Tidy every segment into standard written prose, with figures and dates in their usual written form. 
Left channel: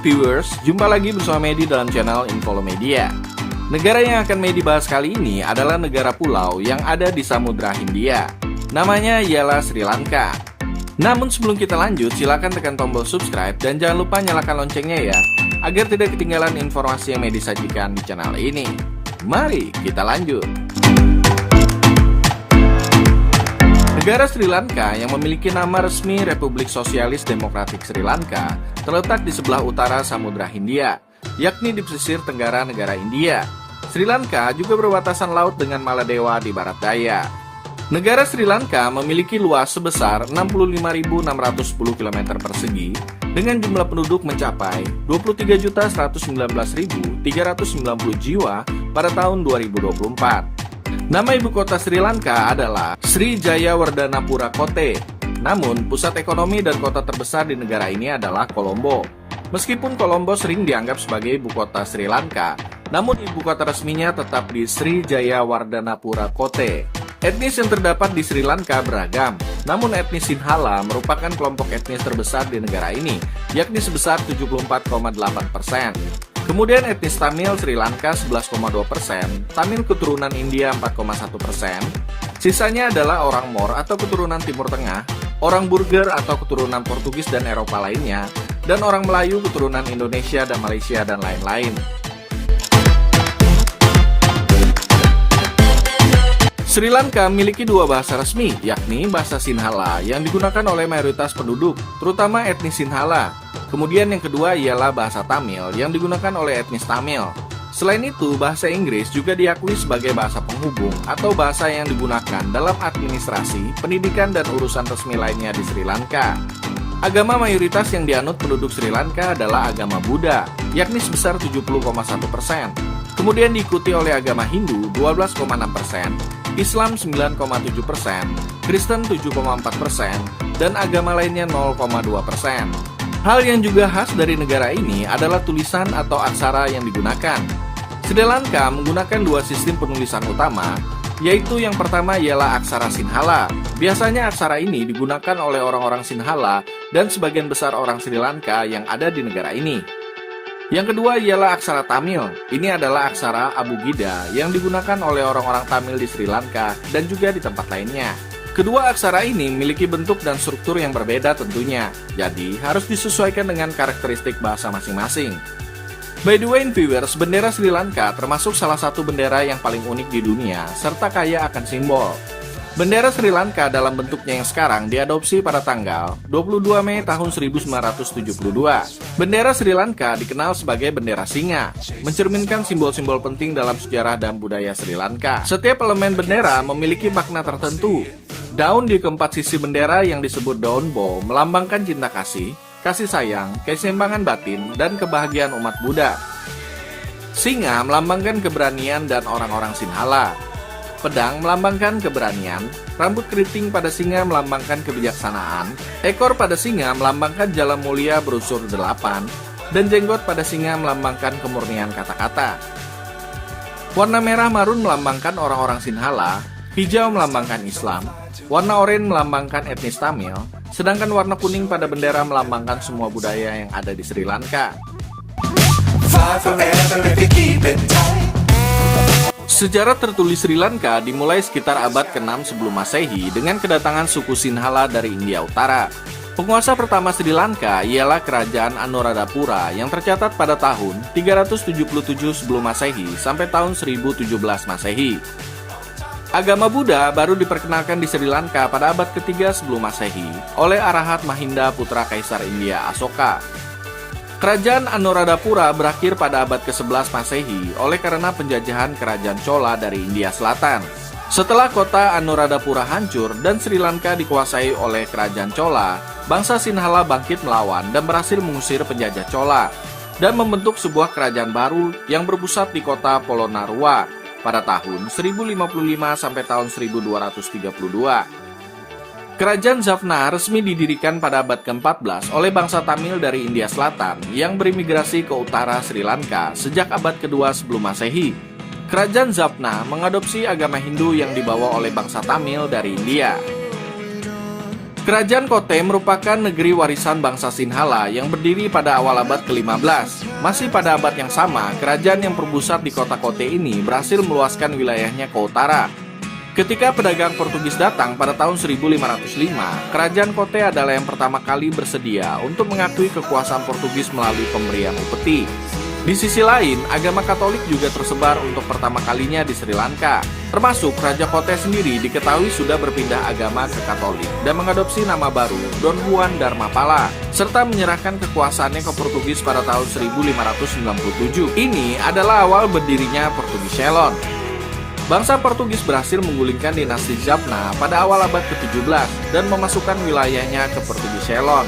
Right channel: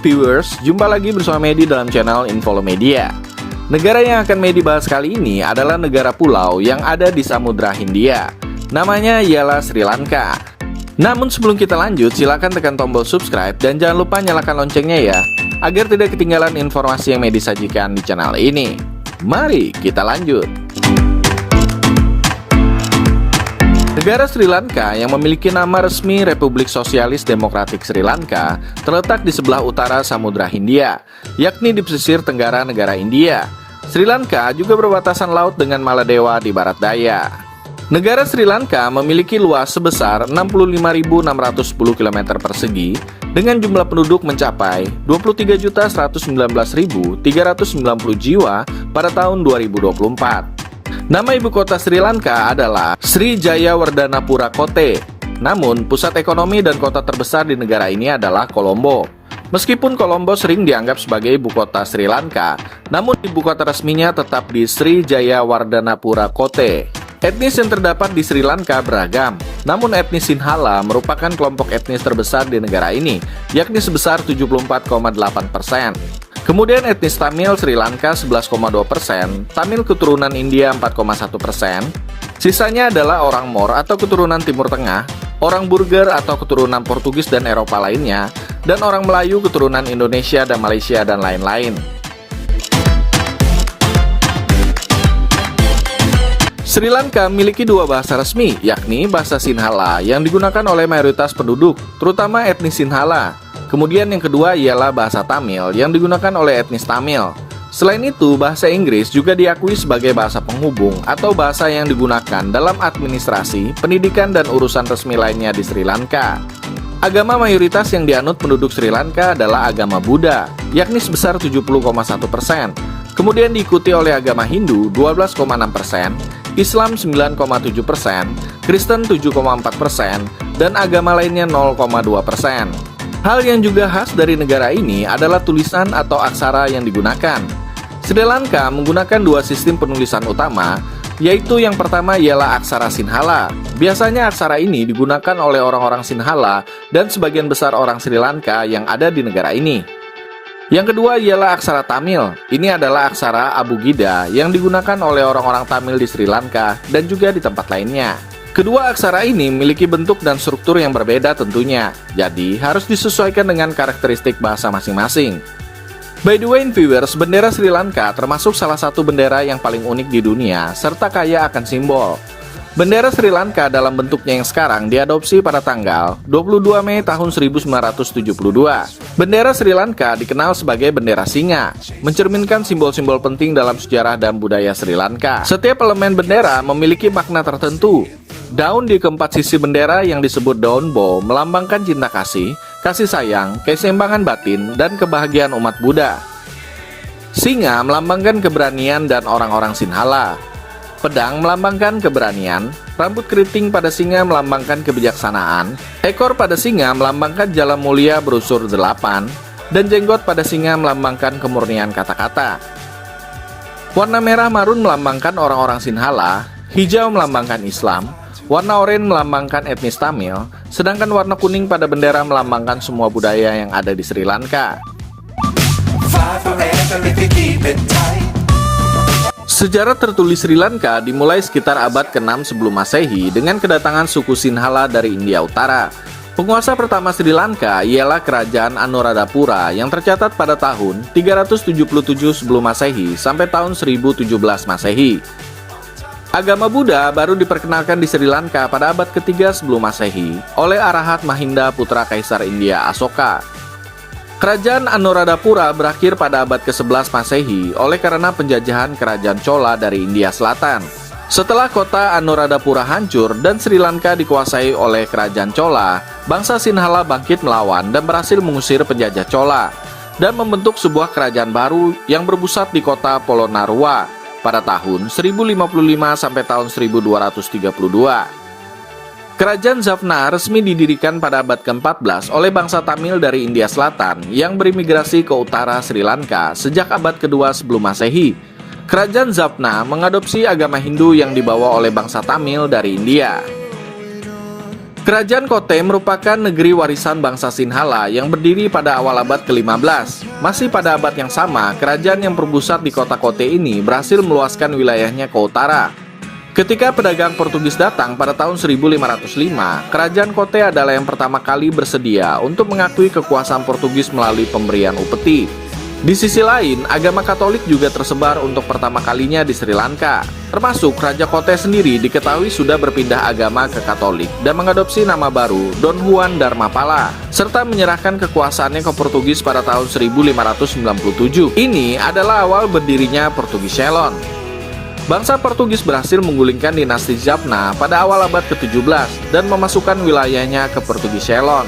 viewers, jumpa lagi bersama Medi dalam channel Infolomedia. Negara yang akan Medi bahas kali ini adalah negara pulau yang ada di Samudra Hindia. Namanya ialah Sri Lanka. Namun sebelum kita lanjut, silakan tekan tombol subscribe dan jangan lupa nyalakan loncengnya ya, agar tidak ketinggalan informasi yang Medi sajikan di channel ini. Mari kita lanjut. Negara Sri Lanka yang memiliki nama resmi Republik Sosialis Demokratik Sri Lanka terletak di sebelah utara Samudra Hindia, yakni di pesisir tenggara negara India. Sri Lanka juga berbatasan laut dengan Maladewa di barat daya. Negara Sri Lanka memiliki luas sebesar 65.610 km persegi dengan jumlah penduduk mencapai 23.119.390 jiwa pada tahun 2024. Nama ibu kota Sri Lanka adalah Sri Jayawardhanapura Kotte. Namun, pusat ekonomi dan kota terbesar di negara ini adalah Colombo. Meskipun Colombo sering dianggap sebagai ibu kota Sri Lanka, namun ibu kota resminya tetap di Sri Jayawardhanapura Kotte. Etnis yang terdapat di Sri Lanka beragam, namun etnis Sinhala merupakan kelompok etnis terbesar di negara ini, yakni sebesar 74,8%. Kemudian etnis Tamil Sri Lanka 11,2%, Tamil keturunan India 4,1%, sisanya adalah orang Mor atau keturunan Timur Tengah, orang Burger atau keturunan Portugis dan Eropa lainnya, dan orang Melayu keturunan Indonesia dan Malaysia dan lain-lain. Sri Lanka memiliki dua bahasa resmi, yakni bahasa Sinhala yang digunakan oleh mayoritas penduduk, terutama etnis Sinhala. Kemudian yang kedua ialah bahasa Tamil yang digunakan oleh etnis Tamil. Selain itu, bahasa Inggris juga diakui sebagai bahasa penghubung atau bahasa yang digunakan dalam administrasi, pendidikan, dan urusan resmi lainnya di Sri Lanka. Agama mayoritas yang dianut penduduk Sri Lanka adalah agama Buddha, yakni sebesar 70,1%. Kemudian diikuti oleh agama Hindu 12,6%, Islam 9,7%, Kristen 7,4%, dan agama lainnya 0,2%. Hal yang juga khas dari negara ini adalah tulisan atau aksara yang digunakan. Sri Lanka menggunakan dua sistem penulisan utama, yaitu yang pertama ialah aksara Sinhala. Biasanya aksara ini digunakan oleh orang-orang Sinhala dan sebagian besar orang Sri Lanka yang ada di negara ini. Yang kedua ialah aksara Tamil. Ini adalah aksara Abugida yang digunakan oleh orang-orang Tamil di Sri Lanka dan juga di tempat lainnya. Kedua aksara ini memiliki bentuk dan struktur yang berbeda tentunya, jadi harus disesuaikan dengan karakteristik bahasa masing-masing. By the way, viewers, bendera Sri Lanka termasuk salah satu bendera yang paling unik di dunia, serta kaya akan simbol. Bendera Sri Lanka dalam bentuknya yang sekarang diadopsi pada tanggal 22 Mei tahun 1972. Bendera Sri Lanka dikenal sebagai bendera singa, mencerminkan simbol-simbol penting dalam sejarah dan budaya Sri Lanka. Setiap elemen bendera memiliki makna tertentu. Daun di keempat sisi bendera yang disebut daun bo melambangkan cinta kasih sayang, keseimbangan batin, dan kebahagiaan umat Buddha. Singa melambangkan keberanian dan orang-orang Sinhala. Pedang melambangkan keberanian, rambut keriting pada singa melambangkan kebijaksanaan, ekor pada singa melambangkan jalan mulia berusur 8, dan jenggot pada singa melambangkan kemurnian kata-kata. Warna merah marun melambangkan orang-orang Sinhala, hijau melambangkan Islam, warna oranye melambangkan etnis Tamil, sedangkan warna kuning pada bendera melambangkan semua budaya yang ada di Sri Lanka. Sejarah tertulis Sri Lanka dimulai sekitar abad ke-6 sebelum Masehi dengan kedatangan suku Sinhala dari India Utara. Penguasa pertama Sri Lanka ialah Kerajaan Anuradhapura yang tercatat pada tahun 377 sebelum Masehi sampai tahun 1017 Masehi. Agama Buddha baru diperkenalkan di Sri Lanka pada abad ketiga sebelum Masehi oleh Arahat Mahinda putra Kaisar India Asoka. Kerajaan Anuradhapura berakhir pada abad ke-11 Masehi oleh karena penjajahan kerajaan Chola dari India Selatan. Setelah kota Anuradhapura hancur dan Sri Lanka dikuasai oleh kerajaan Chola, bangsa Sinhala bangkit melawan dan berhasil mengusir penjajah Chola dan membentuk sebuah kerajaan baru yang berpusat di kota Polonnaruwa pada tahun 1055 sampai tahun 1232. Kerajaan Jaffna resmi didirikan pada abad ke-14 oleh bangsa Tamil dari India Selatan yang berimigrasi ke utara Sri Lanka sejak abad kedua sebelum Masehi. Kerajaan Jaffna mengadopsi agama Hindu yang dibawa oleh bangsa Tamil dari India. Kerajaan Kotte merupakan negeri warisan bangsa Sinhala yang berdiri pada awal abad ke-15. Masih pada abad yang sama, kerajaan yang berpusat di kota Kotte ini berhasil meluaskan wilayahnya ke utara. Ketika pedagang Portugis datang pada tahun 1505, kerajaan Kotte adalah yang pertama kali bersedia untuk mengakui kekuasaan Portugis melalui pemberian upeti. Di sisi lain, agama Katolik juga tersebar untuk pertama kalinya di Sri Lanka. Termasuk Raja Kotte sendiri diketahui sudah berpindah agama ke Katolik dan mengadopsi nama baru Don Juan Dharmapala, serta menyerahkan kekuasaannya ke Portugis pada tahun 1597. Ini adalah awal berdirinya Portugis Ceylon. Bangsa Portugis berhasil menggulingkan dinasti Jaffna pada awal abad ke-17 dan memasukkan wilayahnya ke Portugis Ceylon.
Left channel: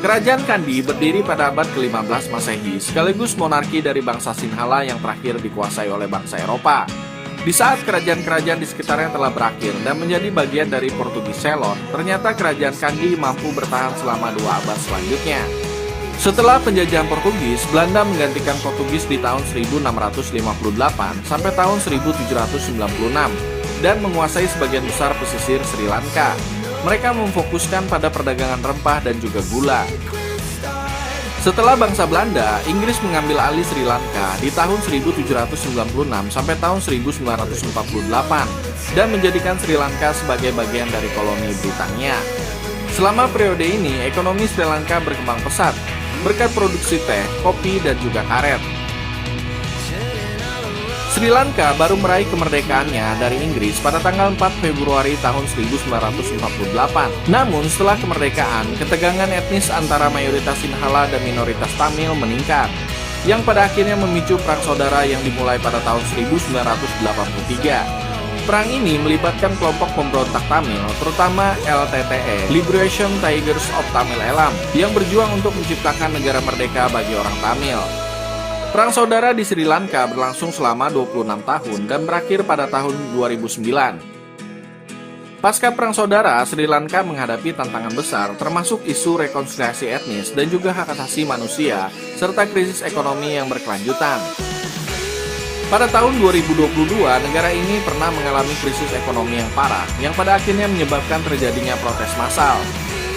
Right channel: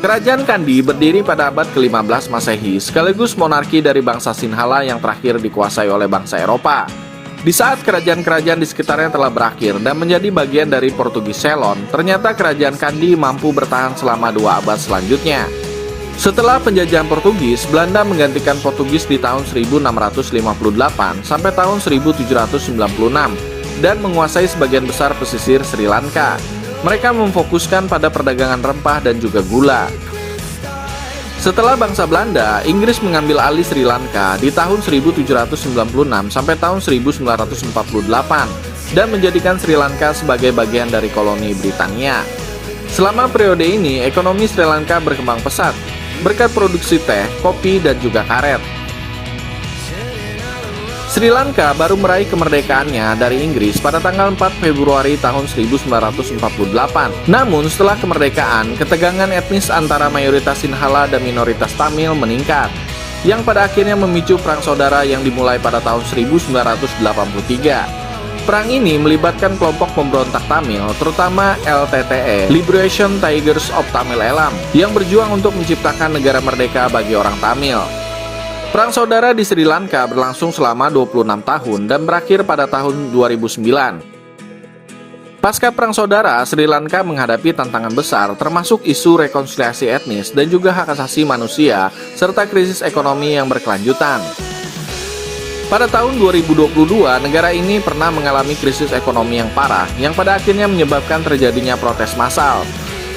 Kerajaan Kandy berdiri pada abad ke-15 Masehi, sekaligus monarki dari bangsa Sinhala yang terakhir dikuasai oleh bangsa Eropa. Di saat kerajaan-kerajaan di sekitarnya telah berakhir dan menjadi bagian dari Portugis Ceylon, ternyata kerajaan Kandy mampu bertahan selama 2 abad selanjutnya. Setelah penjajahan Portugis, Belanda menggantikan Portugis di tahun 1658 sampai tahun 1796 dan menguasai sebagian besar pesisir Sri Lanka. Mereka memfokuskan pada perdagangan rempah dan juga gula. Setelah bangsa Belanda, Inggris mengambil alih Sri Lanka di tahun 1796 sampai tahun 1948 dan menjadikan Sri Lanka sebagai bagian dari koloni Britania. Selama periode ini, ekonomi Sri Lanka berkembang pesat berkat produksi teh, kopi, dan juga karet. Sri Lanka baru meraih kemerdekaannya dari Inggris pada tanggal 4 Februari tahun 1948. Namun setelah kemerdekaan, ketegangan etnis antara mayoritas Sinhala dan minoritas Tamil meningkat, yang pada akhirnya memicu perang saudara yang dimulai pada tahun 1983. Perang ini melibatkan kelompok pemberontak Tamil, terutama LTTE, Liberation Tigers of Tamil Eelam, yang berjuang untuk menciptakan negara merdeka bagi orang Tamil. Perang saudara di Sri Lanka berlangsung selama 26 tahun dan berakhir pada tahun 2009. Pasca Perang Saudara, Sri Lanka menghadapi tantangan besar termasuk isu rekonsiliasi etnis dan juga hak asasi manusia serta krisis ekonomi yang berkelanjutan. Pada tahun 2022, negara ini pernah mengalami krisis ekonomi yang parah yang pada akhirnya menyebabkan terjadinya protes massal.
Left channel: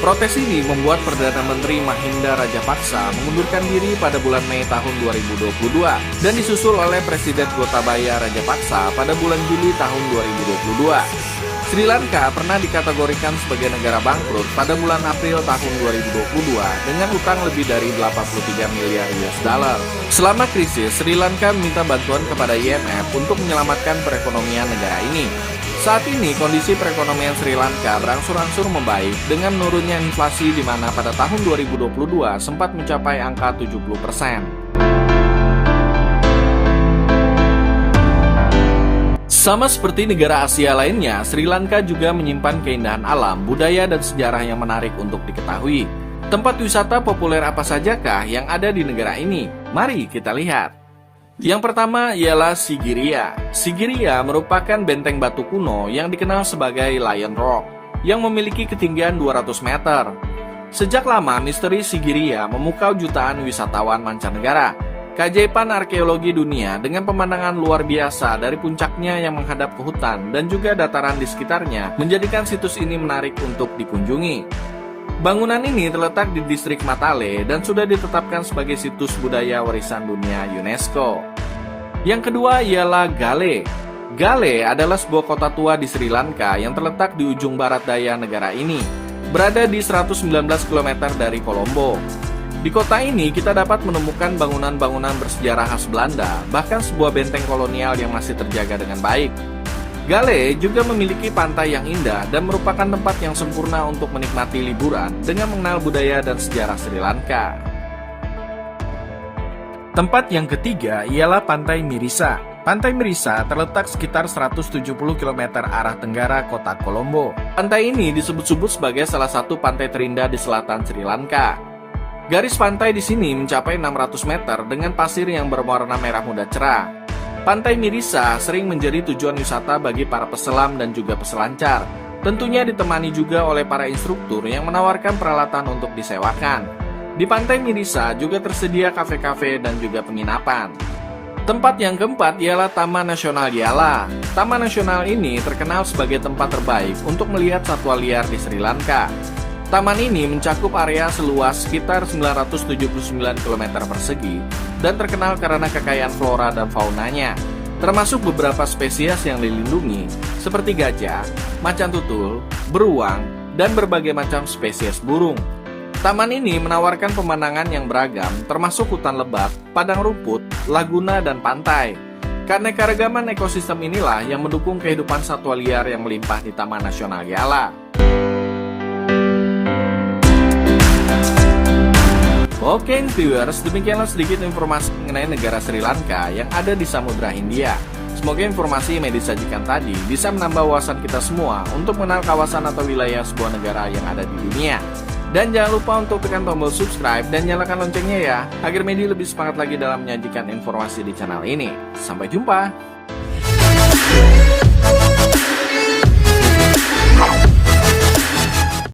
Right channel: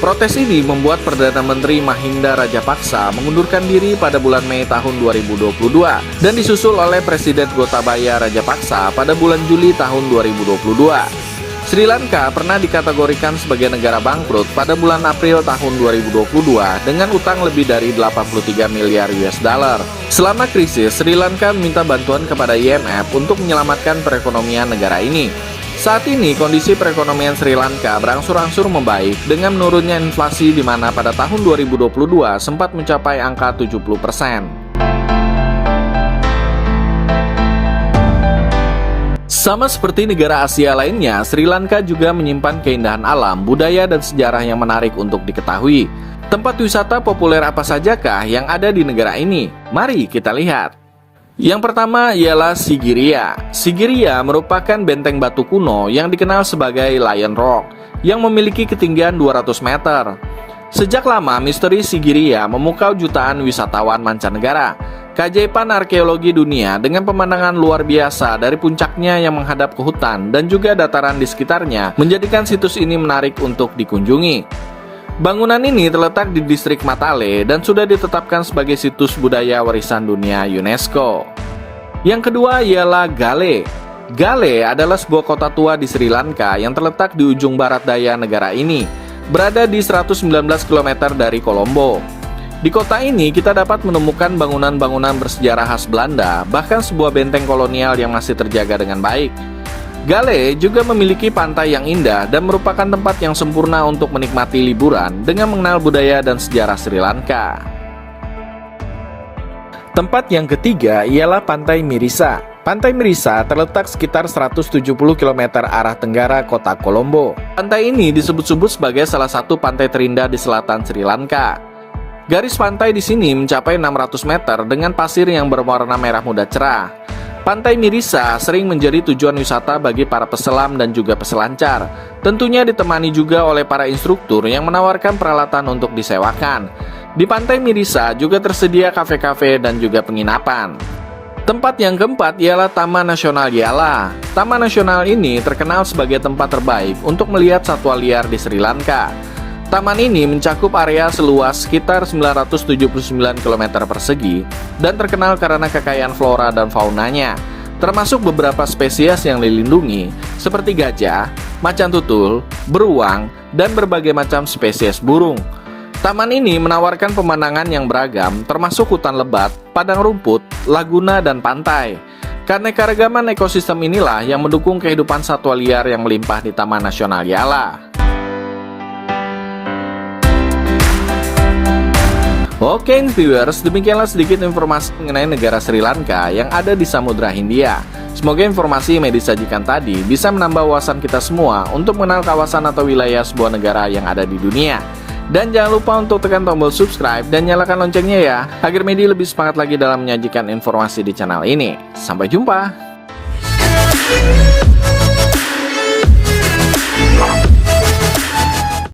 Protes ini membuat Perdana Menteri Mahinda Rajapaksa mengundurkan diri pada bulan Mei tahun 2022 dan disusul oleh Presiden Gotabaya Rajapaksa pada bulan Juli tahun 2022. Sri Lanka pernah dikategorikan sebagai negara bangkrut pada bulan April tahun 2022 dengan utang lebih dari 83 miliar US dollar. Selama krisis, Sri Lanka meminta bantuan kepada IMF untuk menyelamatkan perekonomian negara ini. Saat ini kondisi perekonomian Sri Lanka berangsur-angsur membaik dengan menurunnya inflasi di mana pada tahun 2022 sempat mencapai angka 70%. Sama seperti negara Asia lainnya, Sri Lanka juga menyimpan keindahan alam, budaya, dan sejarah yang menarik untuk diketahui. Tempat wisata populer apa sajakah yang ada di negara ini? Mari kita lihat. Yang pertama ialah Sigiriya. Sigiriya merupakan benteng batu kuno yang dikenal sebagai Lion Rock, yang memiliki ketinggian 200 meter. Sejak lama, misteri Sigiriya memukau jutaan wisatawan mancanegara. Keajaiban arkeologi dunia dengan pemandangan luar biasa dari puncaknya yang menghadap ke hutan dan juga dataran di sekitarnya menjadikan situs ini menarik untuk dikunjungi. Bangunan ini terletak di distrik Matale dan sudah ditetapkan sebagai situs budaya warisan dunia UNESCO. Yang kedua ialah Galle. Galle adalah sebuah kota tua di Sri Lanka yang terletak di ujung barat daya negara ini, berada di 119 km dari Colombo. Di kota ini kita dapat menemukan bangunan-bangunan bersejarah khas Belanda, bahkan sebuah benteng kolonial yang masih terjaga dengan baik. Galle juga memiliki pantai yang indah dan merupakan tempat yang sempurna untuk menikmati liburan dengan mengenal budaya dan sejarah Sri Lanka. Tempat yang ketiga ialah Pantai Mirissa. Pantai Mirissa terletak sekitar 170 km arah tenggara kota Colombo. Pantai ini disebut-sebut sebagai salah satu pantai terindah di selatan Sri Lanka. Garis pantai di sini mencapai 600 meter dengan pasir yang berwarna merah muda cerah. Pantai Mirissa sering menjadi tujuan wisata bagi para peselam dan juga peselancar. Tentunya ditemani juga oleh para instruktur yang menawarkan peralatan untuk disewakan. Di Pantai Mirissa juga tersedia kafe-kafe dan juga penginapan. Tempat yang keempat ialah Taman Nasional Yala. Taman Nasional ini terkenal sebagai tempat terbaik untuk melihat satwa liar di Sri Lanka. Taman ini mencakup area seluas sekitar 979 km persegi dan terkenal karena kekayaan flora dan faunanya, termasuk beberapa spesies yang dilindungi seperti gajah, macan tutul, beruang, dan berbagai macam spesies burung. Taman ini menawarkan pemandangan yang beragam, termasuk hutan lebat, padang rumput, laguna, dan pantai. Keanekaragaman ekosistem inilah yang mendukung kehidupan satwa liar yang melimpah di Taman Nasional Yala. Oke viewers, demikianlah sedikit informasi mengenai negara Sri Lanka yang ada di Samudra Hindia. Semoga informasi yang disajikan tadi bisa menambah wawasan kita semua untuk mengenal kawasan atau wilayah sebuah negara yang ada di dunia. Dan jangan lupa untuk tekan tombol subscribe dan nyalakan loncengnya ya, agar Medi lebih semangat lagi dalam menyajikan informasi di channel ini. Sampai jumpa!